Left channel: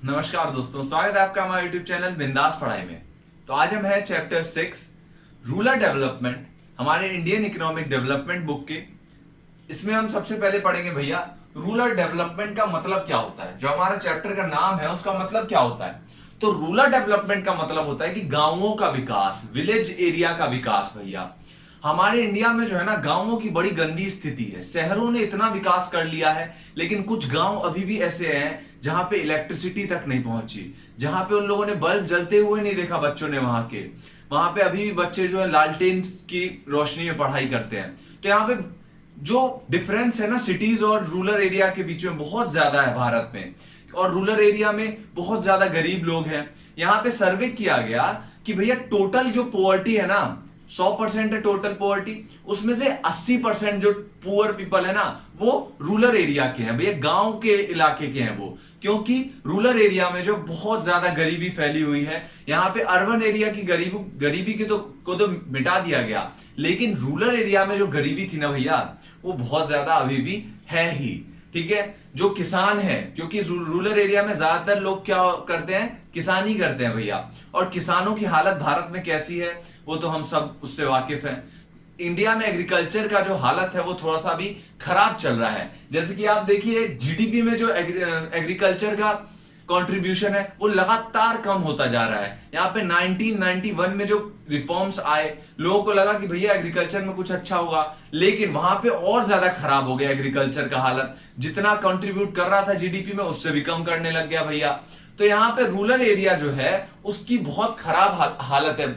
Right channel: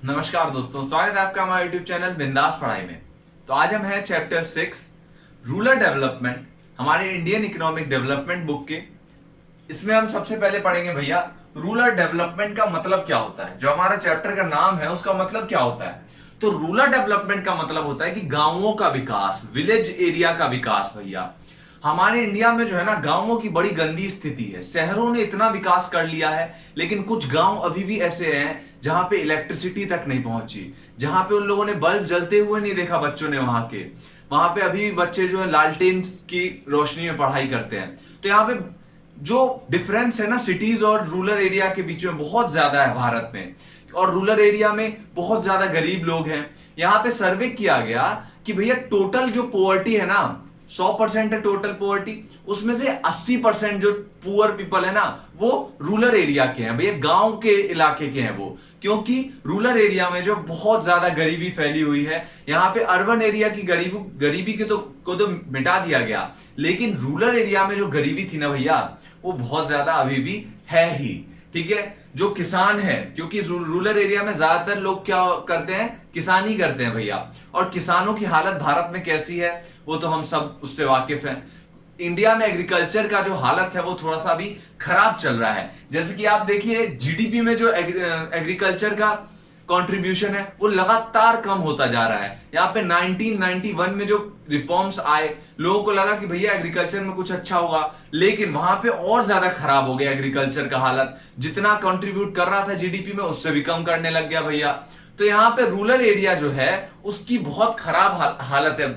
नमस्कार दोस्तों, स्वागत है आपका हमारे यूट्यूब चैनल बिंदास पढ़ाई में। तो आज हम हैं चैप्टर 6 रूरल डेवलपमेंट, हमारे इंडियन इकोनॉमिक डेवलपमेंट बुक के। इसमें हम सबसे पहले पढ़ेंगे भैया रूरल डेवलपमेंट का मतलब क्या होता है। जो हमारा चैप्टर का नाम है उसका मतलब क्या होता है। तो रूरल डेवलपमेंट का मतलब होता है कि गांवों का विकास, विलेज एरिया का विकास। भैया हमारे इंडिया में जो है ना, गांवों की बड़ी गंदी स्थिति है। शहरों ने इतना विकास कर लिया है, लेकिन कुछ गांव अभी भी ऐसे हैं जहां पे इलेक्ट्रिसिटी तक नहीं पहुंची, जहां पे उन लोगों ने बल्ब जलते हुए नहीं देखा बच्चों ने। वहां पे अभी भी बच्चे जो है लालटेन की रोशनी में पढ़ाई करते हैं। तो यहाँ पे जो डिफरेंस है ना सिटीज और रूरल एरिया के बीच में बहुत ज्यादा है भारत में। और रूरल एरिया में बहुत ज्यादा गरीब लोग हैं। यहाँ पे सर्वे किया गया कि भैया टोटल जो पोवर्टी है ना, 100% है टोटल पोवर्टी, उसमें से 80% जो पुअर पीपल है ना, वो रूरल एरिया के हैं भैया, गांव के इलाके के हैं वो। क्योंकि रूरल एरिया में जो बहुत ज्यादा गरीबी फैली हुई है। यहाँ पे अर्बन एरिया की गरीबी को तो मिटा दिया गया, लेकिन रूरल एरिया में जो गरीबी थी ना भैया, वो बहुत ज्यादा अभी भी है ही। ठीक है, जो किसान है, क्योंकि रूरल एरिया में ज्यादातर लोग क्या करते हैं, किसानी करते हैं भैया। और किसानों की हालत भारत में कैसी है वो तो हम सब उससे वाकिफ हैं। इंडिया में एग्रीकल्चर का जो हालत है वो थोड़ा सा भी खराब चल रहा है। जैसे कि आप देखिए जीडीपी में जो एग्रीकल्चर का कंट्रीब्यूशन है वो लगातार कम होता जा रहा है। यहाँ पे 1991 में जो रिफॉर्म्स आए, लोगों को लगा कि भैया एग्रीकल्चर में कुछ अच्छा होगा, लेकिन वहां पे और ज्यादा खराब हो गया एग्रीकल्चर का हालत। जितना कंट्रीब्यूट कर रहा था जीडीपी में, उससे भी कम करने लग गया भैया। तो यहाँ पे रूरल एरिया जो है उसकी बहुत खराब हालत है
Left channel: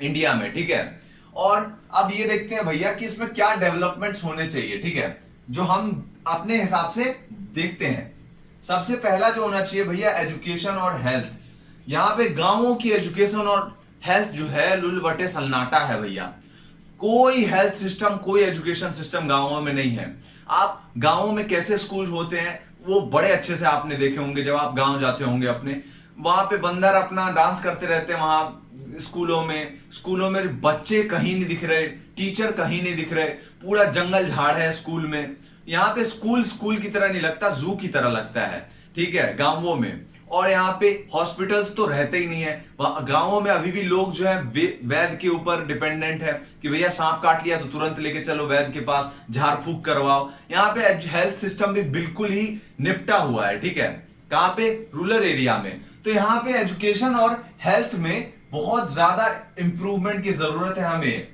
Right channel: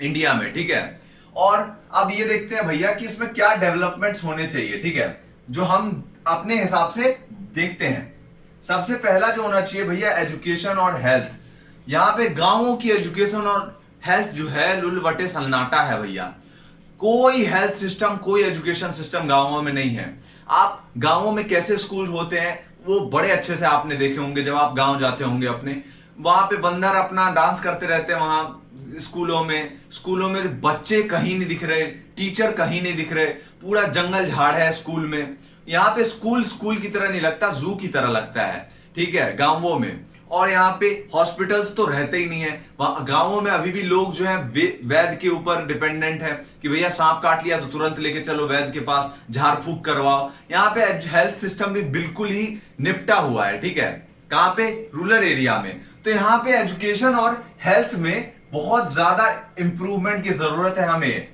इंडिया में। ठीक है, और अब ये देखते हैं भैया कि इसमें क्या डेवलपमेंट्स होने चाहिए। ठीक है, जो हम अपने हिसाब से देखते हैं। सबसे पहला जो होना चाहिए भैया, एजुकेशन और हेल्थ। यहाँ पे गांवों की एजुकेशन और हेल्थ जो है लुलबटे सन्नाटा है भैया। कोई हेल्थ सिस्टम, कोई एजुकेशन सिस्टम गांवों में नहीं है। आप गांवों में कैसे स्कूल होते हैं वो बड़े अच्छे से आपने देखे होंगे जब आप गांव जाते होंगे अपने। वहां पे बंदर अपना डांस करते रहते हैं वहां स्कूलों में बच्चे कहीं नहीं दिख रहे, टीचर कहीं नहीं दिख रहे, पूरा जंगल झाड़ है स्कूल में। यहाँ पे स्कूल की तरह नहीं लगता, जू की तरह लगता है। ठीक है, गांवों में। और यहाँ पे हॉस्पिटल्स तो रहते ही नहीं है। गांवों में अभी भी लोग जो है वैद्य के ऊपर डिपेंडेंट है कि भैया सांप काट लिया तो तुरंत लेके चलो वैद्य के पास, झाड़ फूक करवाओ। यहाँ पे हेल्थ सिस्टम भी बिल्कुल ही निपटा हुआ है। ठीक है, कहाँ पे, रूरल एरिया में। तो यहाँ पे एजुकेशन और हेल्थ में बहुत ज्यादा इंप्रूवमेंट की जरूरत है हमें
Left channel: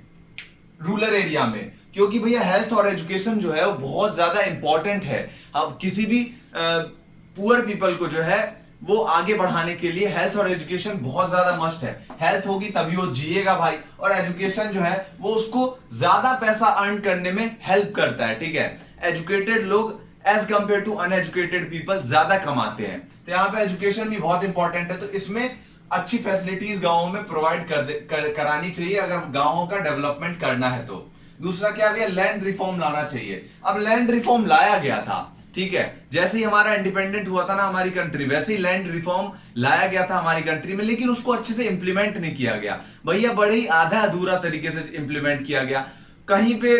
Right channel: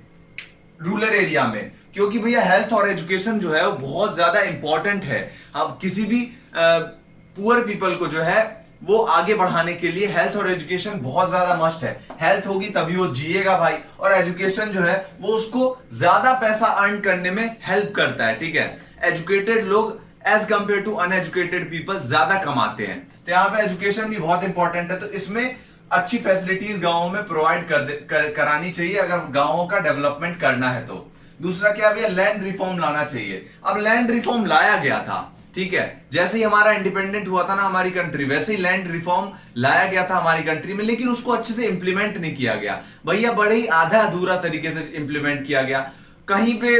रूरल एरिया में। क्योंकि भैया हेल्थ और एजुकेशन जो है वो बहुत ज्यादा इंपॉर्टेंट है। अब किसी भी पुअर पीपल को जो है वो आगे बढ़ाने के लिए हेल्थ और एजुकेशन बहुत ज्यादा मस्ट है। हेल्थ होगी तभी वो जिएगा भाई, और एजुकेशन जो है वो उसको ज्यादा पैसा अर्न करने में हेल्प करता है। ठीक है, एजुकेटेड लोग as compare to uneducated people ज्यादा कमाते हैं। तो यहाँ पे एजुकेशन भी बहुत इंपॉर्टेंट है। तो इसमें अच्छी फैसिलिटीज गांवों में प्रोवाइड करानी चाहिए अगर गांवों का डेवलपमेंट करना है तो। दूसरा क्या भैया, लैंड रिफॉर्म लाना चाहिए। अब लैंड रिफॉर्म लाया गया था, ठीक है, जैसे ही हमारा इंडिपेंडेंट हुआ था ना हमारी कंट्री, वैसे ही लैंड रिफॉर्म लाया गया था हमारी कंट्री में, लेकिन उसको अच्छे से इंप्लीमेंट नहीं किया गया भैया। बड़े ही आधा अधूरा तरीके से इंप्लीमेंट किया गया। कहीं पे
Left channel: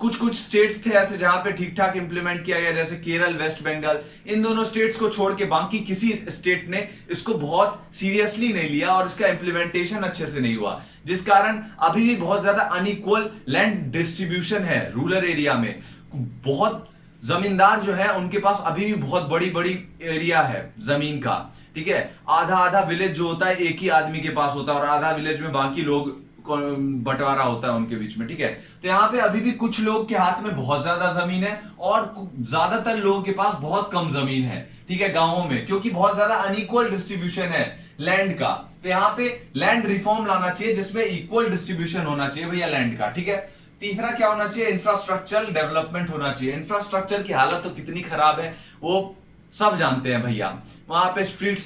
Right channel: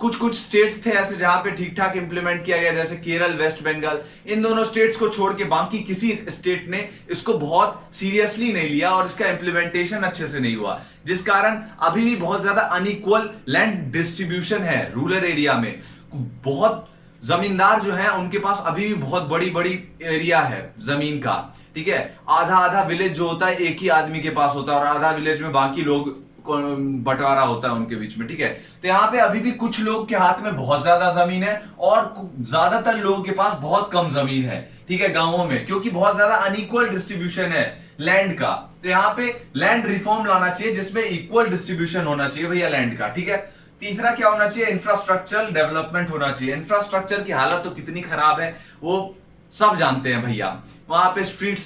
कुछ स्टेट्स थे ऐसे जहां पे ठीक ठाक इंप्लीमेंट किया गया, जैसे केरल, वेस्ट बंगाल। इन दोनों स्टेट्स को छोड़ के बाकी किसी स्टेट ने इसको बहुत सीरियसली नहीं लिया और इसका इंप्लीमेंटेशन अच्छे से नहीं हुआ, जिस कारण अभी भी बहुत ज्यादा अनइक्वल लैंड डिस्ट्रीब्यूशन है रूरल एरिया में। बहुत जमींदार जो है उनके पास अभी भी बहुत बड़ी बड़ी एरिया है जमीन का। ठीक है, आधा विलेज जो होता है एक ही आदमी के पास होता है, और आधा विलेज में बाकी लोग बंटवारा होता है उनके बीच में। ठीक है, तो यहाँ पे अभी भी कुछ लोग के हाथ में बहुत ज्यादा जमीन है और ज्यादातर लोगों के पास बहुत कम जमीन है। ठीक है, गांवों में, क्योंकि बहुत ज्यादा अनइक्वल डिस्ट्रीब्यूशन है लैंड का। तो यहाँ पे लैंड रिफॉर्म लाना चाहिए जिसमें इक्वल डिस्ट्रीब्यूशन होना चाहिए भैया लैंड का। ठीक है, तीसरा क्या होना चाहिए, इंफ्रास्ट्रक्चर डेवलपमेंट होना चाहिए। इंफ्रास्ट्रक्चर की हालत तो कितनी खराब है वो सब जानते हैं भैया। वहां पे स्ट्रीट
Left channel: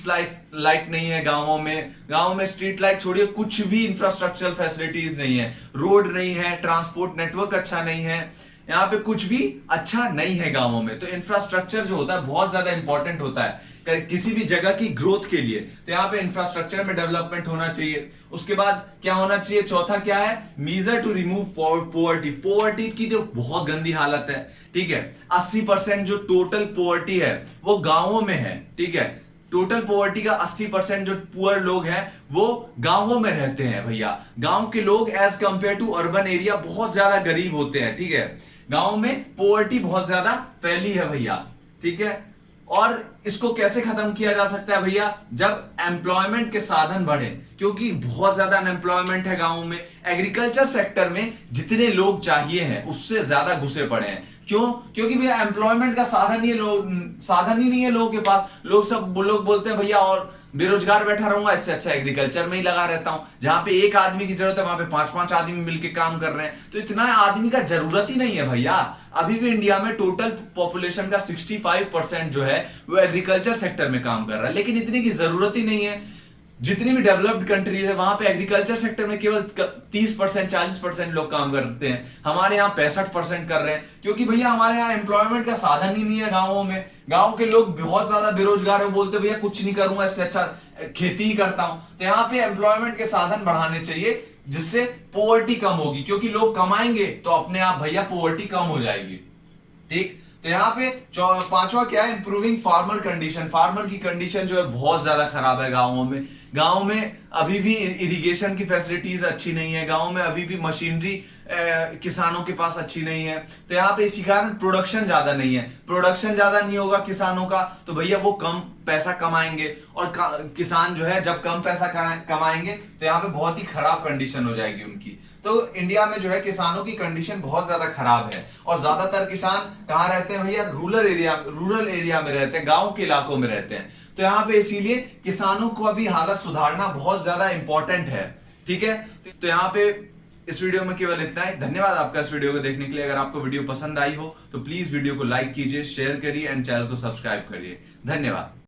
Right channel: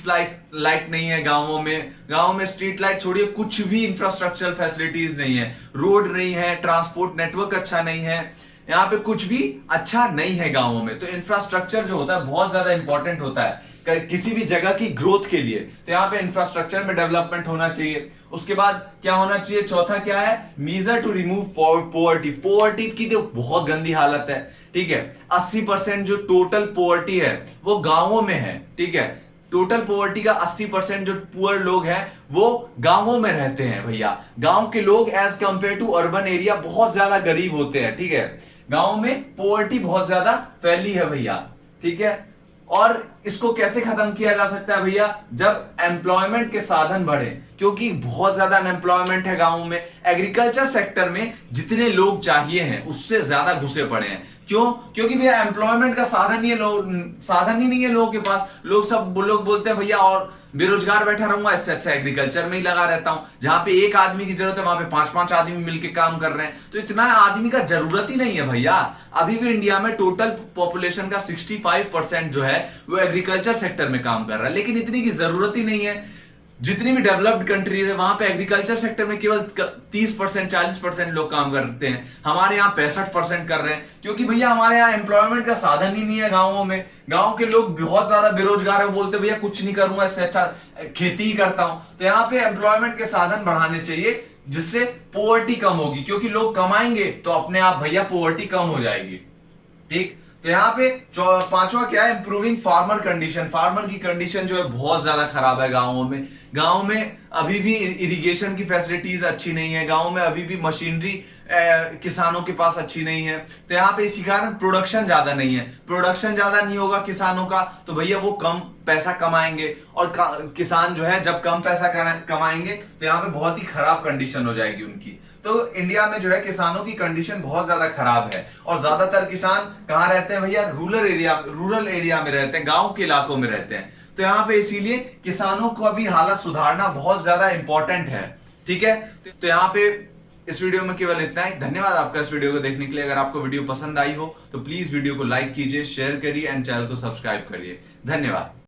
लाइट नहीं है गांवों में स्ट्रीट लाइट छोड़िए, कुछ भी इंफ्रास्ट्रक्चर फैसिलिटीज नहीं है। रोड नहीं है, ट्रांसपोर्ट नेटवर्क अच्छा नहीं है, यहाँ पे कुछ भी अच्छा नहीं है गांवों में। तो इंफ्रास्ट्रक्चर जो होता है बहुत ज्यादा इंपॉर्टेंट होता है किसी भी जगह की ग्रोथ के लिए। तो यहाँ पे इंफ्रास्ट्रक्चर में डेवलपमेंट होना चाहिए। उसके बाद क्या होना चाहिए, चौथा क्या है, मीजर टू रिमूव पोवर्टी की तो बहुत गंदी हालत है। ठीक है, 80% जो टोटल पोवर्टी है वो गांवों में है। ठीक है, टोटल पॉवर्टी का 80% जो पुअर लोग हैं वो गांवों में रहते हैं भैया। गांव के लोग as compare to urban area बहुत ज्यादा गरीब होते हैं, ठीक है। गांव में पॉवर्टी बहुत ज्यादा फैली है भैया, ठीक है। और इसको कैसे खत्म किया जा सकता है भैया? जब एम्प्लॉयमेंट के साधन बढ़े, क्योंकि बहुत ज्यादा अनएम्प्लॉयमेंट है गांव में। एग्रीकल्चर सेक्टर में जितने लोग चाहिए हैं उससे ज्यादा घुसे पड़े हैं। क्यों? क्योंकि भैया एम्प्लॉयमेंट का साधन ही साधन ही नहीं है लोगों के पास। लोग बोलते हैं भैया और बेरोजगार बैठा रहूंगा, इससे अच्छा एग्रीकल्चर में ही लगा रहता हूं, जहां पे एक आदमी की जरूरत है वहां पे 5-5 आदमी मिलकर काम कर रहे हैं। तो इतना आदमी का जरूरत ही नहीं है भैया। अभी भी इंडिया में टोटल पॉपुलेशन का 65% जो है वो एग्रीकल्चर सेक्टर में काम कर रहा है, लेकिन इतनी की जरूरत ही नहीं है। जितनी भी डेवलप्ड कंट्रीज है वहां पे एग्रीकल्चर सेक्टर में केवल 30% 40% लोग काम करते हैं। हमारे यहाँ 65% कर रहे हैं, क्योंकि भैया हमारे यहाँ एम्प्लॉयमेंट का साधन ही नहीं है गाँवों में। गांव के लोग बहुत ज्यादा बेरोजगार है, बोलते भैया कुछ नहीं करूंगा, इससे अच्छा खेती ही करता हूं। तो यहाँ पे एम्प्लॉयमेंट के साधन बढ़ाने चाहिए, जिससे पॉवर्टी कम होगी, क्योंकि लोग कमाएंगे तो अपने आप भैया पॉवर्टी कम हो जाएगी, ठीक। तो यहाँ पे पांचवा क्या है? Improving farmer condition. फार्मर की कंडीशन जो है बहुत ज्यादा खराब है गांवों में। गांव में अभी भी इरिगेशन की फैसिलिटीज अच्छी नहीं है, गांव में अभी भी मशीनरी किसानों के पास अच्छी नहीं है। तो यहाँ पे इसी कारण प्रोडक्शन ज्यादा नहीं है। प्रोडक्शन ज्यादा नहीं होगा किसानों का तो भैया वो कम पैसा कमाएंगे, और किसान जो है जब कम पैसा कमाएंगे तो यहाँ पे बहुत ही खराब कंडीशन हो जाएगी उनकी। तो इंडिया में जो है किसानों की कंडीशन बहुत ज्यादा खराब है, और ज्यादातर किसान कहाँ रहते हैं भैया? रूरल एरिया में रहते हैं, गांव के इलाकों में रहते हैं। तो यहाँ पे इसीलिए किसानों को अभी हालत सुधारना बहुत ज्यादा इंपॉर्टेंट है, ठीक है। तो यहाँ पे इस वीडियो में केवल इतना ही। धन्यवाद आपका इस वीडियो को देखने के लिए। अगर आपको वीडियो पसंद आई हो तो प्लीज वीडियो को लाइक कीजिए, शेयर करिए एंड चैनल को सब्सक्राइब करिए। धन्यवाद।